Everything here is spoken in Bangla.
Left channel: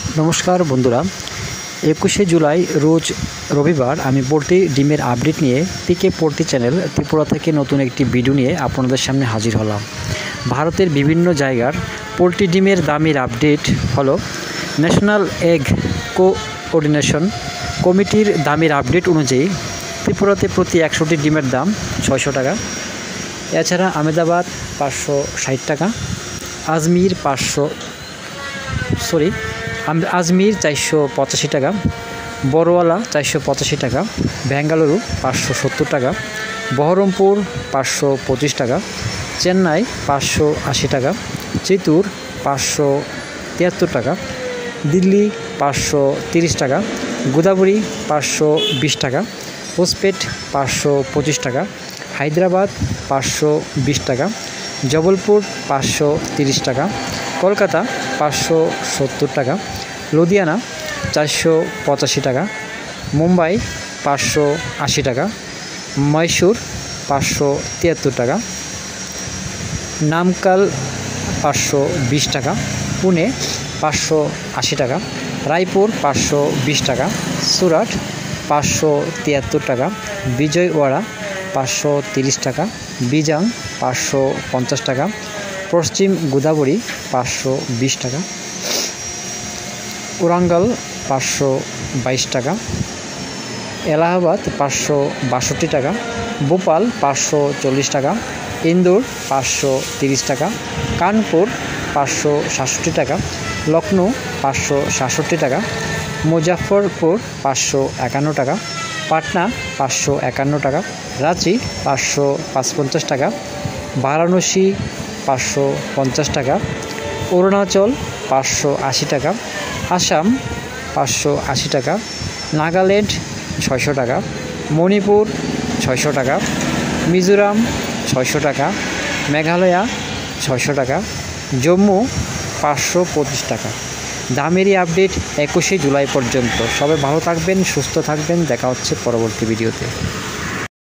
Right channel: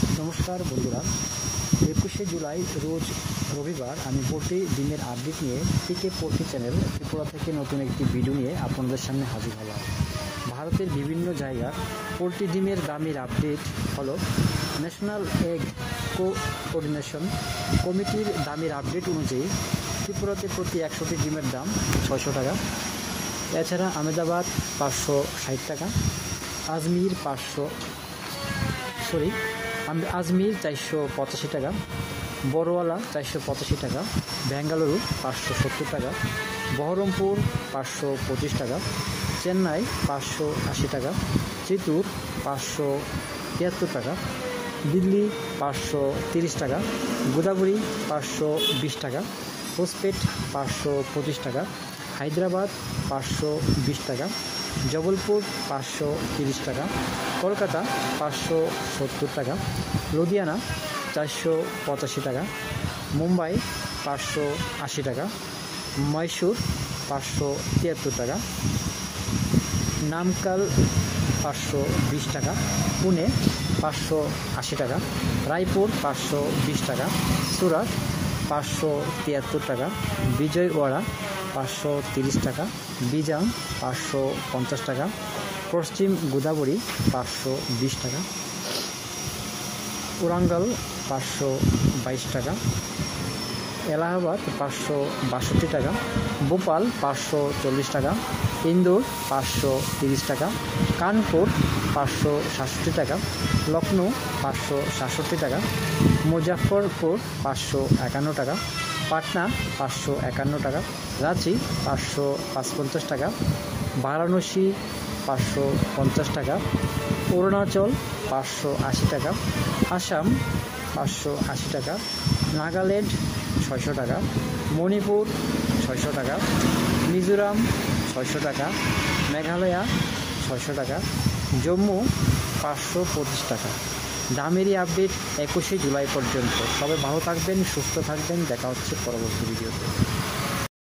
নমস্কার বন্ধুরা, 21শে জুলাই রোজ রবিবার আমি পোল্ট্রি ডিমের আপডেট নিয়ে পিকে পোল্ট্রি চ্যানেল ত্রিপুরা থেকে নতুন একটি ভিডিও নিয়ে আপনাদের সামনে হাজির হলাম। ভারতের বিভিন্ন জায়গার পোল্ট্রি ডিমের দামের আপডেট হলো ন্যাশনাল এগ কোঅর্ডিনেশন কমিটির দামের আপডেট অনুযায়ী ত্রিপুরাতে প্রতি 100টি ডিমের দাম 600 টাকা। এছাড়া আহমেদাবাদ 560 টাকা, আজমির 485 টাকা, বড়ওয়ালা 485 টাকা, বেঙ্গালুরু 570 টাকা, বহরমপুর 525 টাকা, চেন্নাই 580 টাকা, চিত্তুর 573 টাকা, দিল্লি 530 টাকা, গোদাবরী 520 টাকা, হোসপেট 525 টাকা, হায়দ্রাবাদ 520 টাকা, জবলপুর 530 টাকা, কলকাতা 570 টাকা, লুধিয়ানা 485 টাকা, মুম্বাই 580 টাকা, মহীশূর 573 টাকা, নামকাল 520 টাকা, পুনে 580 টাকা, রায়পুর 520 টাকা, সুরাট 573 টাকা, বিজয়ওয়াড়া 530 টাকা, বিজাং 550 টাকা, পশ্চিম গোদাবরী 520 টাকা, ওরাঙ্গাল 522 টাকা, এলাহাবাদ 562 টাকা, ভোপাল 540 টাকা, ইন্দোর 530 টাকা, কানপুর 567 টাকা, লখনৌ 567 টাকা, মুজাফরপুর 551 টাকা, পাটনা 551 টাকা, রাঁচি 555 টাকা, বারাণসী 550 টাকা, অরুণাচল 580 টাকা, আসাম 580 টাকা, নাগাল্যান্ড 600 টাকা, মণিপুর 600 টাকা, মিজোরাম 600 টাকা, মেঘালয়া 600 টাকা, জম্মু 525 টাকা। দামেরই আপডেট 21শে জুলাই পর্যন্ত। সবাই ভালো থাকবেন, সুস্থ থাকবেন, দেখা হচ্ছে পরবর্তী ভিডিওতে।